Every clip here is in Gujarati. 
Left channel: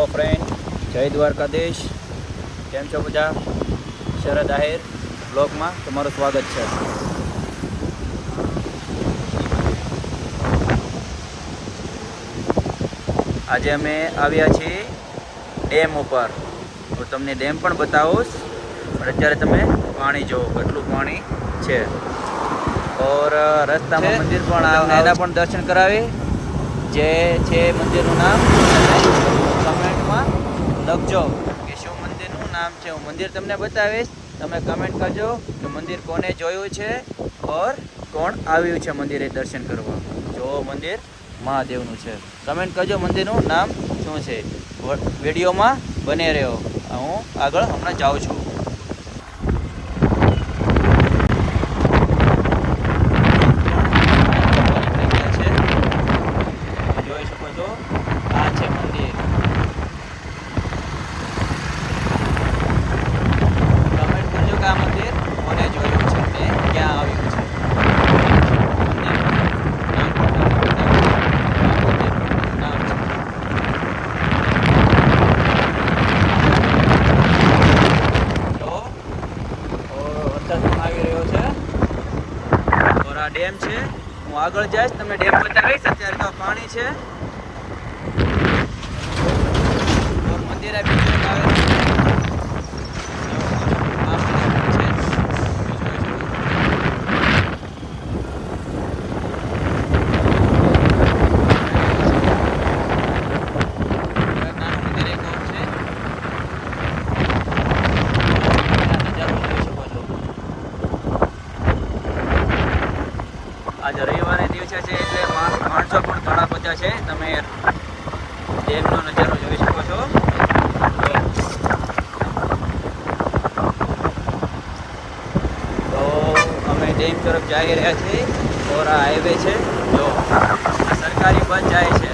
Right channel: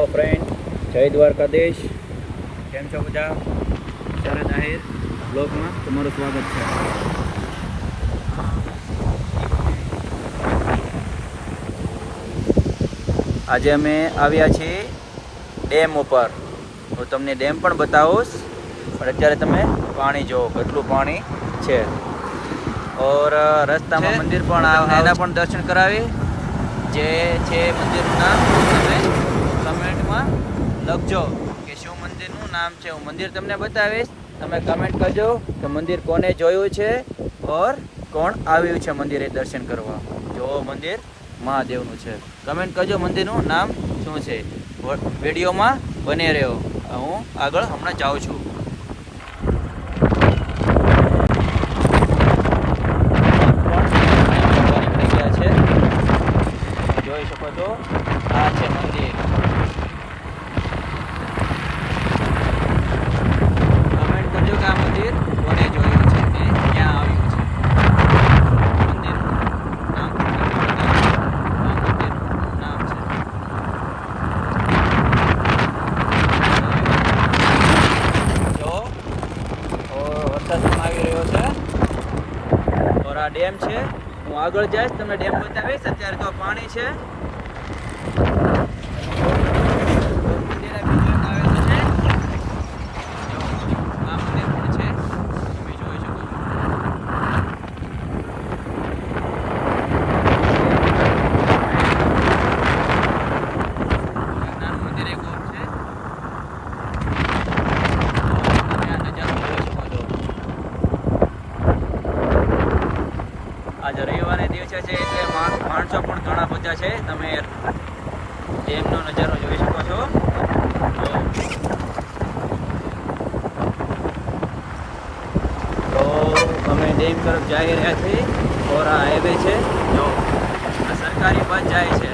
હેલો ફ્રેન્ડ, જય દ્વારકાધીશ. કેમ છો બધા? શરદ આહિર બ્લોગમાં તમારું સ્વાગત છે. આજે અમે આવ્યા છીએ ડેમ ઉપર. હું તમને ડેમ પણ બતાવીશ, પણ અત્યારે તમે પાણી જુઓ, કેટલું પાણી છે. ઓર રસ્તામાં મંદિર પણ એના પણ દર્શન કરાવી. જે છે મંદિરનું નામ તમે કમેન્ટમાં લખજો કે શું મંદિરનું નામ છે. હું મંદિર તમને બતાવીશ, તમે કમેન્ટ કરજો કે મંદિર કોને જોયું છે ઓર કોણ આવ્યું છે મંદિરે દર્શન કરવા. જો મંદિર મહાદેવનું છે. કમેન્ટ કરજો મંદિરનું નામ શું છે. વિડીયોમાં બને રહ્યો, હું આગળ હમણાં જાઉં છું. જોઈ શકો છો, આ છે મંદિર. કમેન્ટ કરજો કે આ મંદિર કોને જોયું છે ને ક્યાં આવ્યું છે. મંદિરનું નામ પણ તમને બતાવીશ. આ મંદિરનું નામ છે. જો વરસાદ પણ આવી રહ્યો છે. ઓર આ ડેમ છે. હું આગળ જઈશ, તમને ડેમ બતાવીશ. અત્યારે તો પાણી છે. આજે રવિવારના દિવસે છે એટલે માણસો પણ ઘણા બધા છે. તમે ડેમનો નજારો જોઈ શકો છો. તો અમે ડેમ તરફ જઈ રહ્યા છીએ. ઓર આ હાઈવે છે. જો આ સરકારી બસ જાય છે.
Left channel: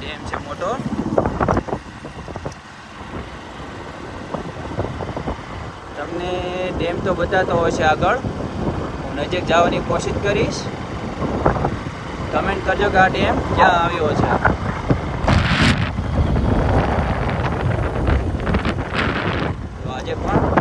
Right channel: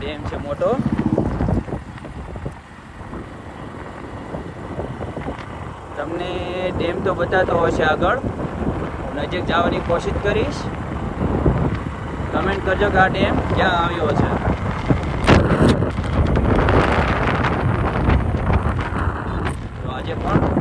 ડેમ છે મોટો. તમને ડેમ તો બતાતો હશે, આગળ નજીક જવાની કોશિશ કરીશ. કમેન્ટ કરજો કે આ ડેમ ક્યાં આવ્યો છે. તો આજે પણ